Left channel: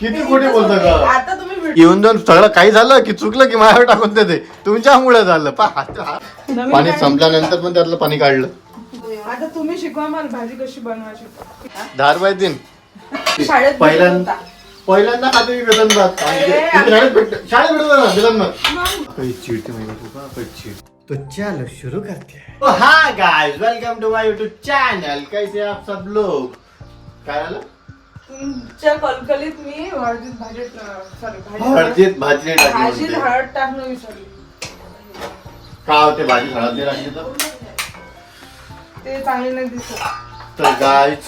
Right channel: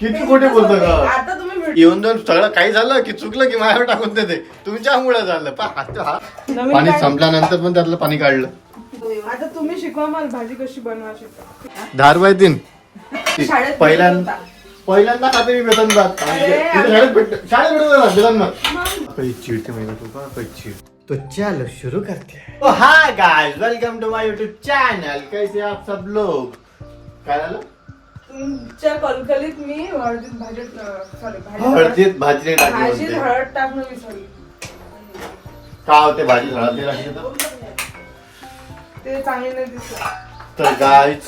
किती खोटे बोलतो का? आता तुम्ही येऊन जाऊन सगळं काही झालं की चुकलं की माझ्यावर टाकून देते. तुमच्यामुळे झालं. पाणी संपल्यानंतर पण त्यातलं पाणी काढलं. आता तुम्ही शिकवा मला भाजी कशी बनवायची. धारबाई दिन शाळेत पहिल्यांदा खाते मी बेसन भात. शाळेत भेटत बेसन भात. काही चिडते माहिती तो चलो शुरू करते हैं. Hi guys, welcome to my YouTube channel. कैसे आप सब लोग? काय झालं? तुमच्या कलकलीत मी हळदीत भाजी हळदीत भाजी टाकली भाजीत म्हणते. हळद टाकणं विसरली. का होते भाजी हळद टाकली तर? ते चांगले नाही दिसत. तर गाइस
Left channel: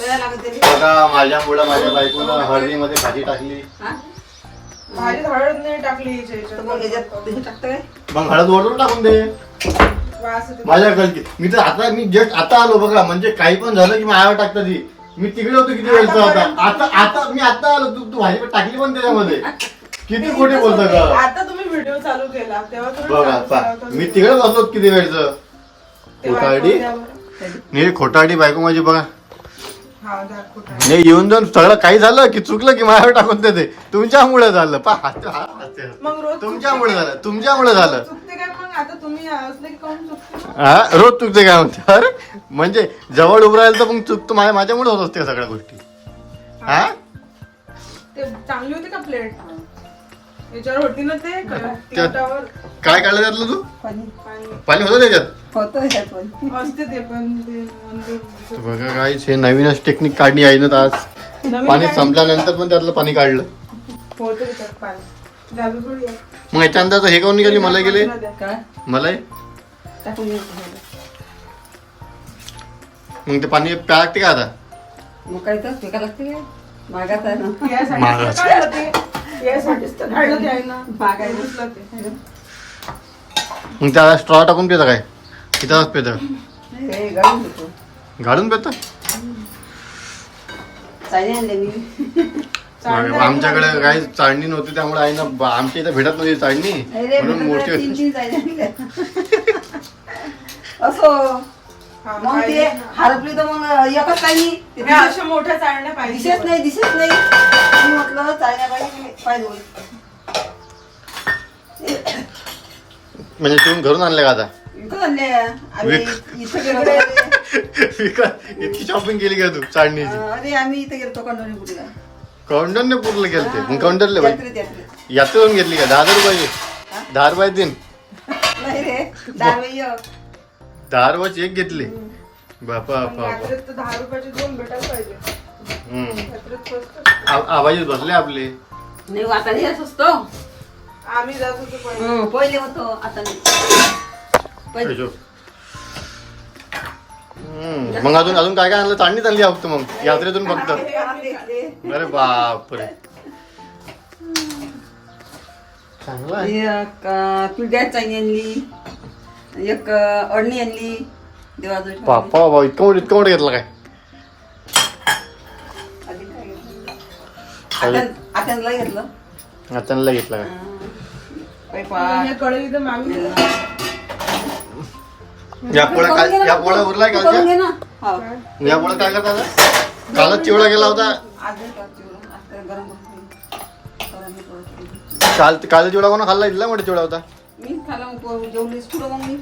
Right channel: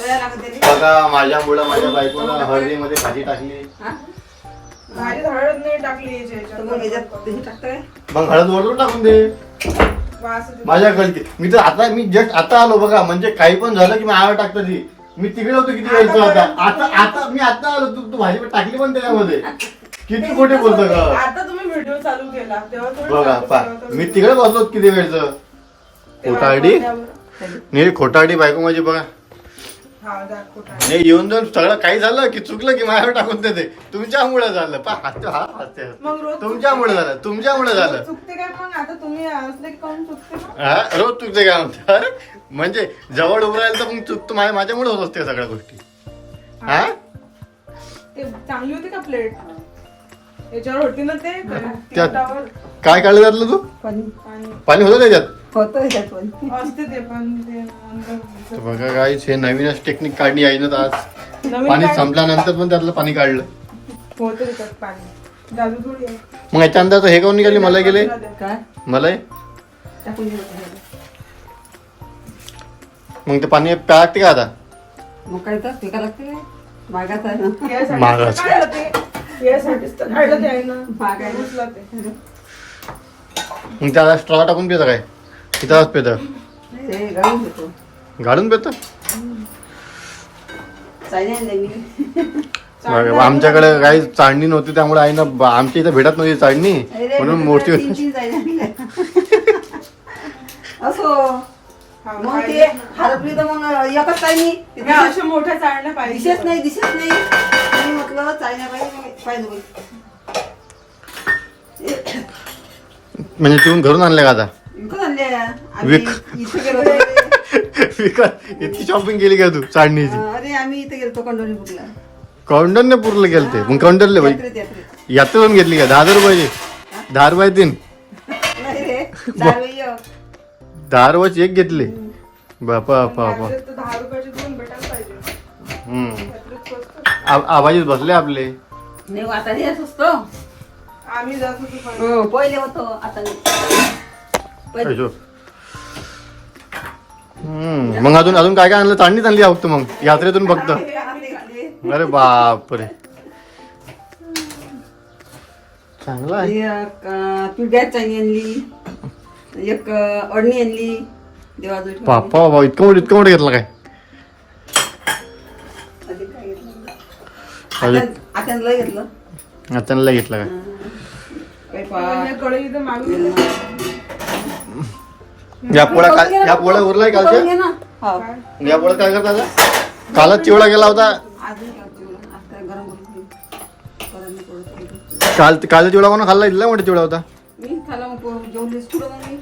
बघा, माझ्यामुळे माझ्या बायकोनं हळदीमध्ये भाजी टाकली. भाजीत हळद नाही टाकली. मग हळद वरून टाकून दे. वास येतो. माझ्या गलती. मी जस्ट आता आलो बघा. म्हणजे काही पण झालं की माझ्यावर टाकतं ती. मी तिकडे होतो किती वेळचा होता. मी आता आलो. तू भाजी टाकली पण त्याच्यामध्ये. किती खोटे बोलतो का? आता तुम्ही व्हिडिओ चालू केला तेव्हा तुम्ही बघा मी तिकडे बसलो किती वेळचं. खोटारडी नाही, खोटारडी बायको माझी बघा. नाही, येऊन जाऊन सगळं काही झालं की चुकलं की माझ्यावर टाकून देते. तुमच्यामुळे झालं. तुमच्यामुळे झालं. चुकते काय मग? आता तुम्ही असले की कोण चुकते? हा, रोज चुकते काय म्हणते? अरे म्हणजे जवळ उभं राहिलं तर मग चुकतो. माझ्यामुळे होत असते सगळ्या गोष्टी. हा, ते चांगली होती का प्लेट? याच्यावर होती ना ते तिखटावर काय काढलं त्यातलं तू? पाणी होतं त्याच्यात? असते ते पण ते तर बघा गाईस, हे नवीनच टेक्निक काढली आहे ना आज. पाणी संपल्यानंतर पण त्यातलं पाणी काढलं. होतं त्याच्यात पाणी. जादू थोडी आहे. मग याच्या अंदाज हे काऊन निघाली? मला गेले मला मग ते पाणी प्या लागते का आता? मग काय तर फेका लागते काय? मागाच आहे ना. यासाठी महागाचं. काढलं ते. यासाठीच तर काढलं ते आहे ना. मागायला. उचला ते. मग त्याला स्ट्रॉ टाकून पितं काय? तिथंच पितं? हे गाळून देतो. गाडून पितं? चायना आणले मी. आमच्याकडे काही चाळणी नव्हती त्यामुळे आईनं आमच्या इथं भेटत नव्हती चाळणी म्हणून मोठी होती. 3 चायना आणल्या. असो हा, मग पाहिजे ते ना. हरपली तर मग एकच चायनी. ह्या अशा मोठ्या चाळण्या पाहिजे. दिसत नाही. मी म्हटलं चायना पाहिजे. म्हणजे तुम्ही घरून आणले का आता? विकत आणल्या. आम्ही इथे गेलो होतो. इतकी शॉपिंग केली का तू चाळणीची? अरे आम्ही इथे गेलो कंडोरीपूरला. कौंडनने पूर्ण गेलते. मग कौंडनले बाई यात्रेत. यात्रा घेतली का? 10 रुपये 10 रुपये दिन नाही रे, दारवई. 10 रुपयाची एक घेतली. बापा यात्रेत तर 10 रुपयाचे 2 भेटायला पाहिजे. यात्रेत स्वस्त. आवाजीत बसले आपले. नाही आता येत असतो. आम्ही जात होतो पण. पहिले होतो आता नाही. पहिले. मग अजून काय काय आणलं? चाळणीच आणली फक्त मग यात्रेतून फक्त. अरे बापरे, चांगलं आहे. एक पिढ्यात चायनी आणली. एक अडणी आणली. देवाजवळ बापा बाबा, इतकं मोठं घेतलं काय? आता घेतलं. त्यांना घेतलं काय? हे कढई इथं मागली. या पोळ्या उरलाय कालच्या? या पोळ्या काय करतात? कालच चिवडा गेला होता. काल चिवडा म्हणून खाल्ला. इथला मोठा चिवडा होता. मी खाला जेवलीस पुढं मग मी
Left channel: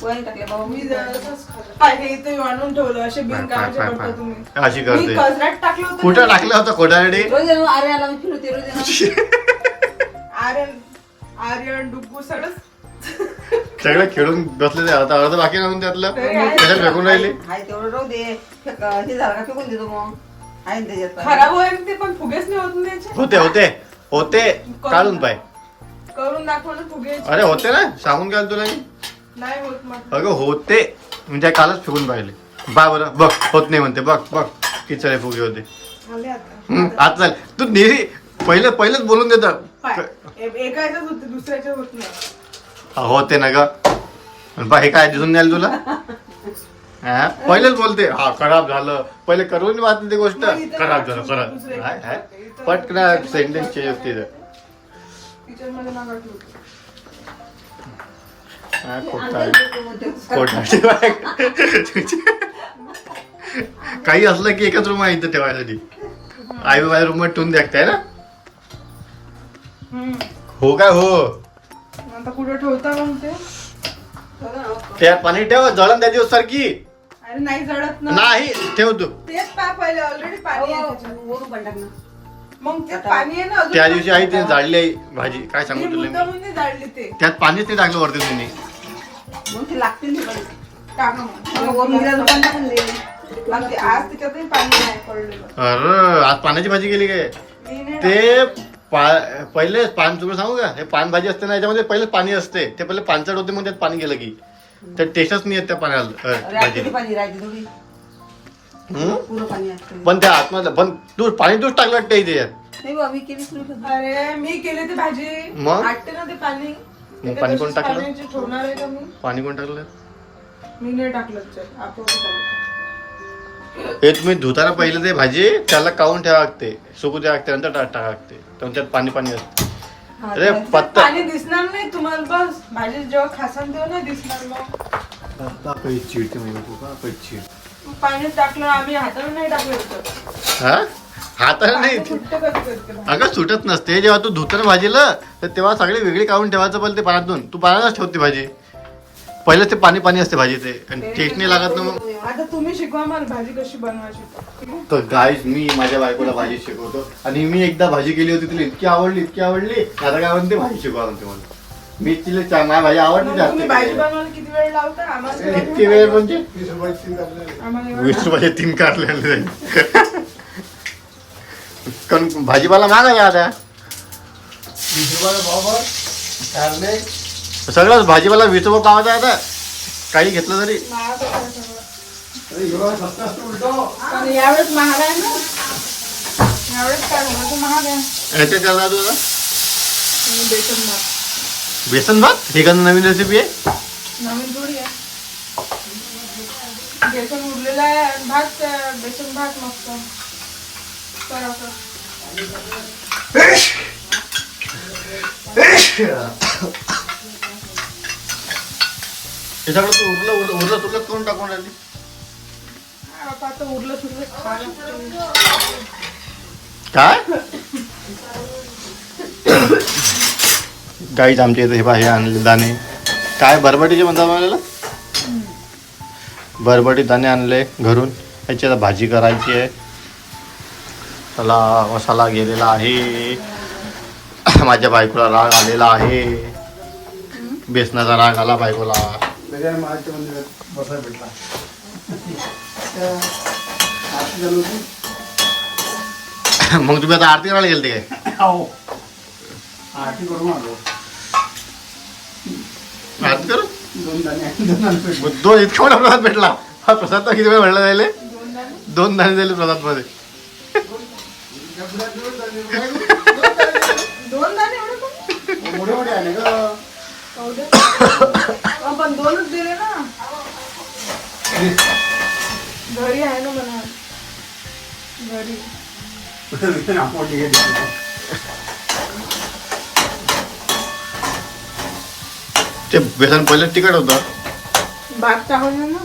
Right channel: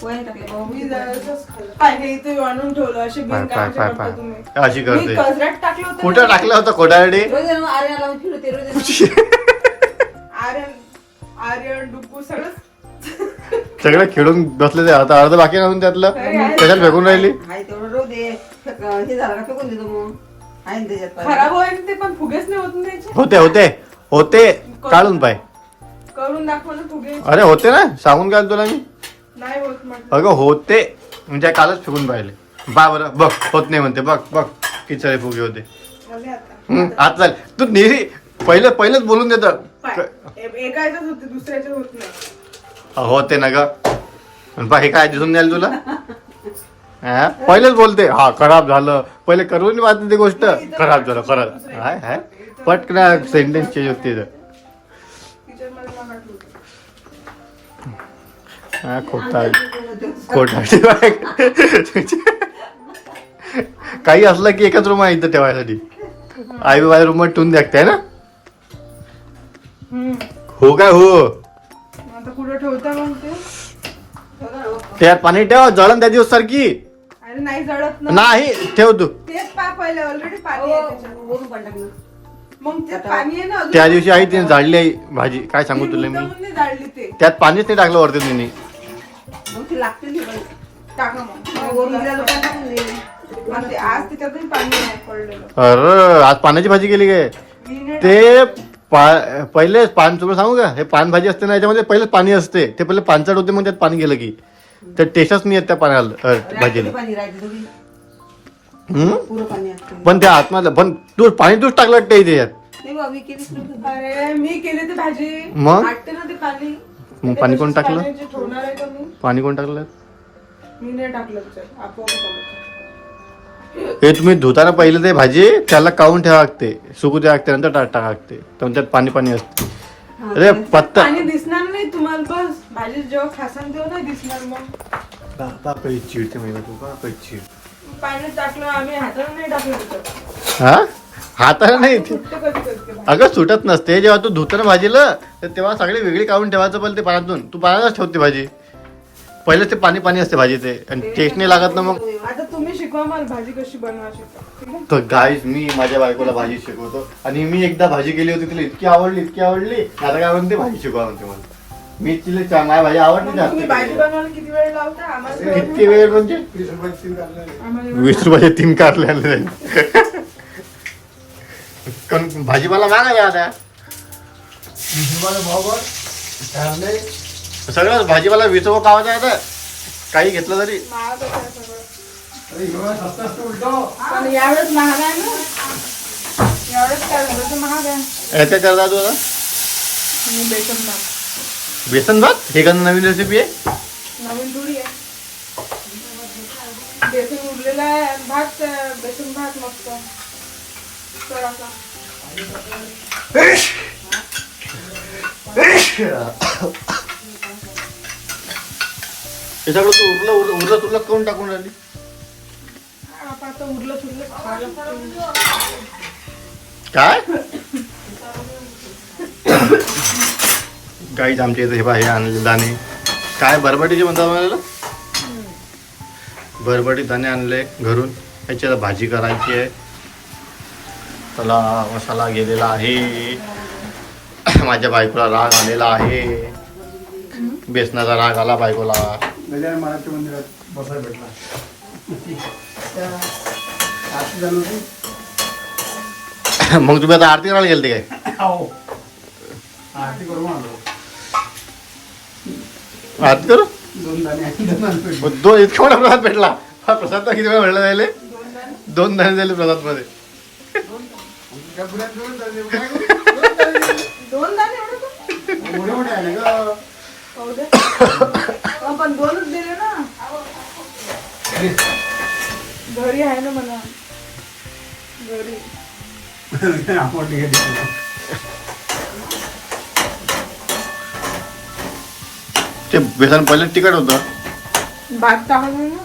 पोहे टाकले बाबा. मी जरासंच खाल्लं. पाहिजे इथे आणून ठेवलं. असे बिनकामाचे करता तुम्ही. अशी मी करते. कचऱ्यात टाकलं होतं. कुठं टाकलं होतं खोटारडी? रोज आरे आला फिरते रोज. आर्यन डुकू सगळं सगळं खेळून बसले ते. आता अर्ध बाकी राहून त्यातलं त्याच्यात फेकून राहिली. हाय तेवढं रोज दे. हे झालं का फेकून देतो मग. आहे ना त्याच्यात. खराब होईल ते पण फुगेच नाही होत ना याचे. होते काढून पाय. करून दाखवलं फुगेच अरे होते ना, सांगून काय तुला मी. नाही होत म्हटलं. अगं होते म्हणजे कालच फेकून पाहिले. बा बरं बघ, होत नाही म्हणते. बघ किती सारे फुगे होते. आले आता. आता चाल तू नेहमी पहिलेच बोलून देत. एका याच्यात होते दुसऱ्याच्यात होत नाही. होते ना ग. बा हे काय दिसून द्याल तुला? पहिलेच बोलते हा खराब झालं. पहिले करून वाटते ती गोष्ट. खराब झालं खराब. पटकन सेंटेन्स चेंज होते. टीचर मला वाटलं होतं. काही असलं की एकच रूम आहे इथं ठेवायसाठी. आई बाबा रूम ठेवून द्यायचं आहे ना. हम्म. हो काय हो. आता कुठे ठेवता मग ते? त्यात पाणी ठेव जळण त्या दिवस सारखी. अरे नाही जळत ना. नाही ठेव तू. तेच पहिले ऑलरेडी पाणी आहे त्याच्यात. वरून पण टाक ना. मग ते पाणी आहे ना अजून. त्या दिवशी आई तिने जाळली आहे भाजी. काय सांगू मी तुला मी. मुद्दामून नाही जाळली ते. त्यात पाणीच नाही टाकलं वरती तिने. मग ती लागते नाही बाई. टाक मग. मग वरून गेलं तर टाकून दे. लागते. आज त्याच्यातही पाणी नाही पडलेलं. अरे आज पाण्याची भाजी केली काय. मी नाही ते पहिले पान तुम्हाला सांगू का हे पान भाजी असते ना याच्यामध्ये पहिले पाणी असते ते पहिले पानचट होते मग त्यात पाणी गेलं की ते टेस्टच नाही येत त्या पाण्याला रात्री भाजीला. पाणी राहते थोडी. हम्म? पुरं पाणी असते. पण त्या आतमध्ये पण तू पाणी तूच टाकलं वाटतं इथे यात. नाही बाबी केलीच नव्हतं. अरे मी केली ती भाजी. मग? वाटते ना ते पाणी. मग पाणी कोण टाकलं? पाण्याची ठेवणार आहे का मी? पाणी कोण टाकलं मी नाही टाकलं त्याच्यात. आपोआप टाकलं. हे तुम्ही धुताना पहिले ते भाजी त्याला काढून ठेवा लागते सुकू द्या लागते नंतर टाका लागते तर त्यात पाणी पाणी असते. हा, अरे ते- पत्ता पाणी दिसणार नाही तुम्हाला. बस भाजी जेव्हा खासान तेव्हा नाही दिसणार मग. काही चिडते महिला तू का काही चिड. पाणी टाकलं आम्ही हाताने नाही टाकलं त्याच्यात. हा हाताला नाही सुट्ट कधी करते. अगं सुटत नसते जेव्हा तू धुताना भाजीला तर तेव्हा सगळी वेगळी काढून ठेवायचं पहिले ते पाण्यातून तू पाण्यातच ठेवते भाजी पहिले ते पाणी पाणी असते भाजी ते आणि टेस्ट नाही लागत ना मग. आता तुम्ही शिकवा मला भाजी कशी बनवायची. ठीक आहे? तर गाईज मी माझ्या बायकोला भाजी शिकवतो आणि मी एकदा भाजी केली होती तिला इतकी आवडली आता काय म्हणते भाजी शिकवा म्हणते मला. मी तिला माझ्या भाजी आवडली मग तुम्ही भाजी जास्त. बनवायला किती वेळ लावता आम्हाला? किती वेळ म्हणजे आम्हाला एवढं- 20 रुपये 3 कारले आणले. कारण भाजीपाला महाग आहे आता सगळं भाजीपाला 20 रुपये पावायचा आहे आता काही घेतलं तरी. महाग आहे सगळं. पण यावेळेस महाग आहे ना. यावेळेस काय झालं तर महाग आहे. याच्या चालला तू आता आणि बेसन भात. बेसन भात हे का नवीन रेसिपी आहे. नवीन थोडी आहे. बेसन उरलेला आहे आणि भात बेसन भात मस्त. करा का? हे सगळं तू उरलं तुला कोण टाकून राहिली. आता उरलं सुरलं खायला काय गाईच आमच्या इथे हे पहा, हे आणले दाणे काय बरबटीचे म्हणतात मला बरबटी दाणे आणले घरून याची आता भाजी करायची आहे. त्याला मसाला गेलेला आहे. माझ्या बायकोला राग आलेला आहे. बेसनाचा राग आला बायकोला. मग तुम्ही आता आरती करायला गेलते काय. आरती करू दोन इतका मोठा प्रसाद भेटला. हा प्रसाद तर किती वेळा भेटला जायले 2 दाणे झाले प्रसाद मध्ये. दोन दाणे एवढे पण 2च दिले ना. घरी आहे ना म्हणा. घरी ते बेसन पहिले तिखट होतं. भात टाकून ना.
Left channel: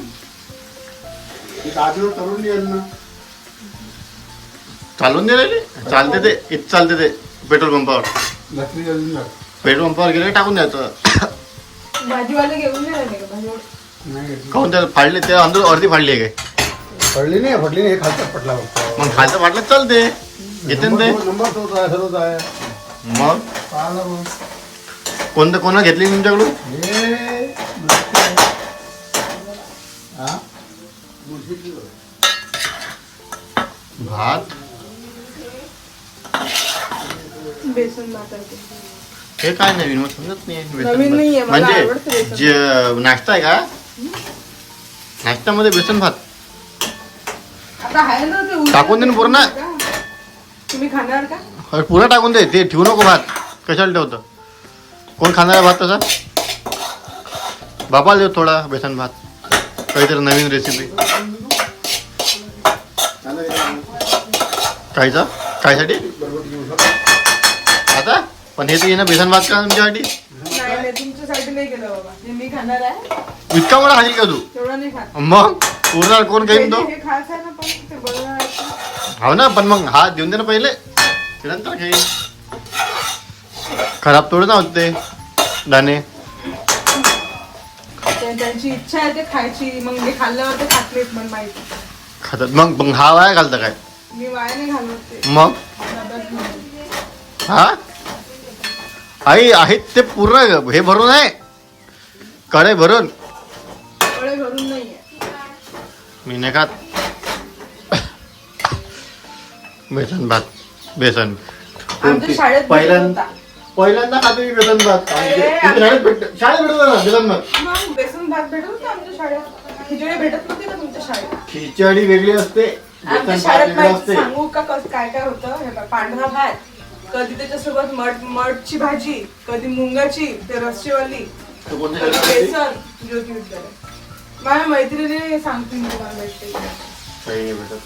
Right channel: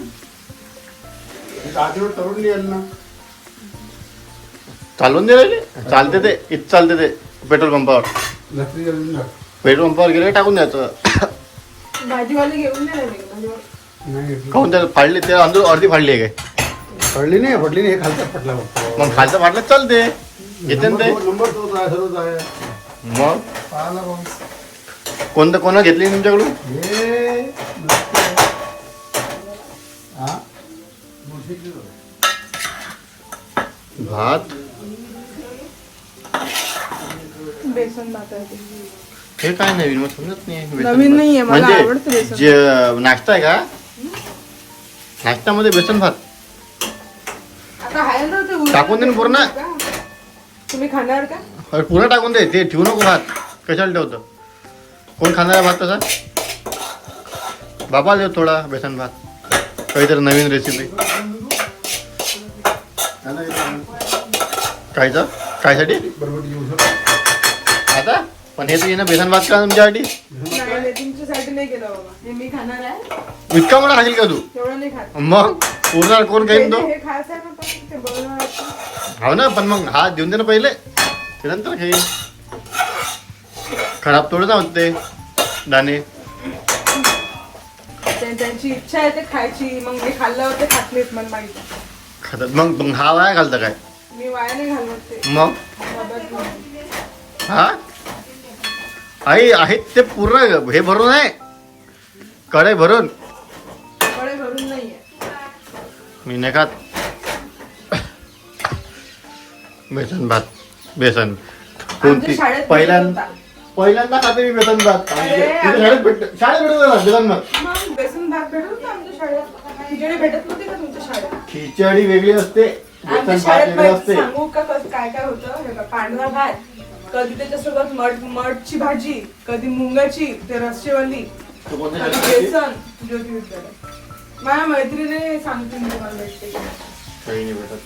चालवून दे राहिले चालते ते इथं चालते ते पेट्रोल पंपावर गेले टाकून द्यायचं. भाजीवाले घेऊन नाही राहिले का भाजीवाले? खाऊन त्या फाडले ते अंदर अर्धी फाडली आहे काय. फडली नाही हे खालचा पटला फक्त मग खालचं फाटलं चालते येते ना ते. नंबर तोच आहे सर्वच आहे. मग पहा ना मग. कोणतं कोणा घेतली तुमच्याकडून. हे हा? भात बेसन भात आहे ते. हे काय नवीन मग समजत नाही नवीन नाहीये, बेसन मला म्हणजे आवडतं बेसन. जे नाश्ता आहे का नाश्त्यामध्ये बेसन भात आता आहे ना ते उरलेलं टाकून दे ना पूर्ण. का? तुम्ही खाणार का? अरे पुन्हा टाकून दे ते ठेवू नको भात कशाला ठेवतं कोण खाणार आहे भात तसा. बापाला देऊ थोडा बेसन भात काहीतरी नवीन रेसिपी. कायचा कायसाठी आता पण हे तर येणं बेसन भात का तुमच्यासाठी. नाही नाही, तुमच्यासाठी नाही केलं बाबा. हे मी खाणार आहे. इतका मोठा खाशील का तू तेवढं नाही खात. मग उरणार कोण काही तो. हे खायचं आहे ना पण ते बनवणार आहे. हो ना, पण मग हा देऊन दे ना पहिले, ते नंतर खाईल. खराब थोडं ना होत ते दाणे. त्यांची इच्छा आहे ते खायची, मग मी खाल्ल्यावर ते खात नाहीत मला माहिती. खातात मग हा वाया घालतं काय मी वाया नाही घालत ते. मग? डब्यात घालते. हा आई आहेत ते पूर्ण हे भरून आहे, कढई भरून. कढई भरून नाहीये. मी नाही खात बेसन भात. बेसन आमच्या शाळेत पहिल्यांदा खाते मी बेसन भात. शाळेत भेटत होता बेसन भात. मग बेसन भात भेटत होता आमच्या शाळेत. खिचडी भेटत नव्हती का तुमच्या शाळेत? खिचडी वेगळी असते, आमच्या बेसन भात शाळेत वेगळं माहिती असते. सांगू का काय काय होतं? हे बघ, पांढरा भात, कधी त्याच्यासोबत मठची भाजी, कधी मुंगाची ते रस्सेवाली, तू कोणत्या कधी शाळेत होती? बेसन. ज्योती विद्यालय. माझ्या मैत्रिणीने सांगते मी तुम्हाला एक ते. काही नाही भेटत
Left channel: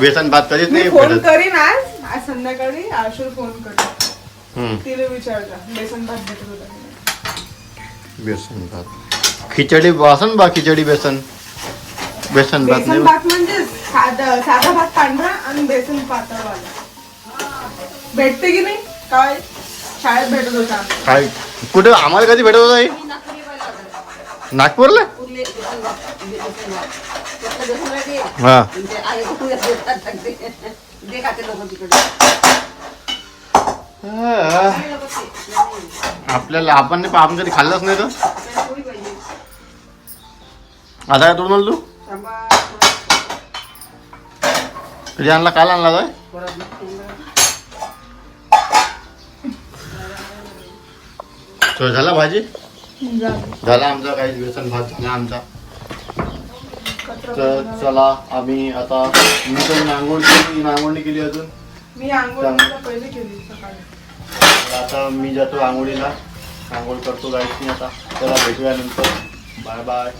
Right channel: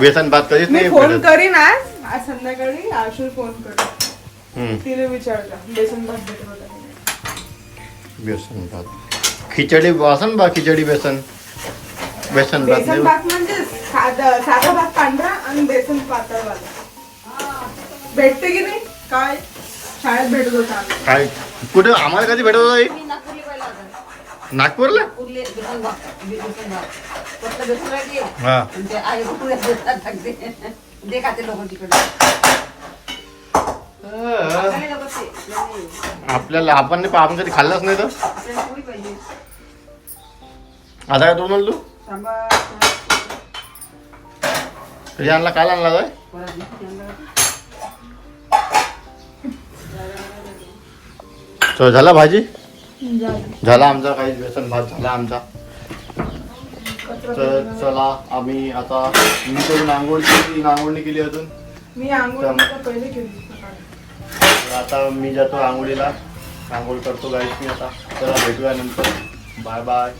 बेसन भात, कधीच मी नाही फोन भेटत. करीन आज संध्याकाळी. आशू फोन करीन, तिला विचारलं बेसन भात भेटत होता की नाही. बेसन भात खिचडी वासन बा, खिचडी बेसन बेसन भात बेसन नाही. भात म्हणजे साधा भात पांढरा आणि बेसन पातळवाला. भेटते की नाही काय? शाळेत भेटत होता. काय कुठे आम्हाला कधी भेटत होता हे? नागपूरला पाहिला होता. नागपूरला? नागपूरले बेसन भात. कुठलं बेसन राहते? हा ते आई कुठे देतात टाकते. जे खाते लोक तिकडे. खाणे लोकं ते. आपल्याला आपण कधी खाल्लंच नाही तर आपल्याला पोळी पाहिजे. आता काय तू म्हणलं तू सांबार, कधी आणला? काल आणला काय? परत नाही. तर झाला भाजी, झाला आमचा काही बेसन भात झाला आमचा. तर चला आम्ही आता, मी तर आंघोळी केली अजून. मी आंघोळ पहिले केली सकाळी. आता मी जातो आंघोळीला, आंघोळ करतो गाईस मी आता. चला भेटूया नंतर. Bye bye.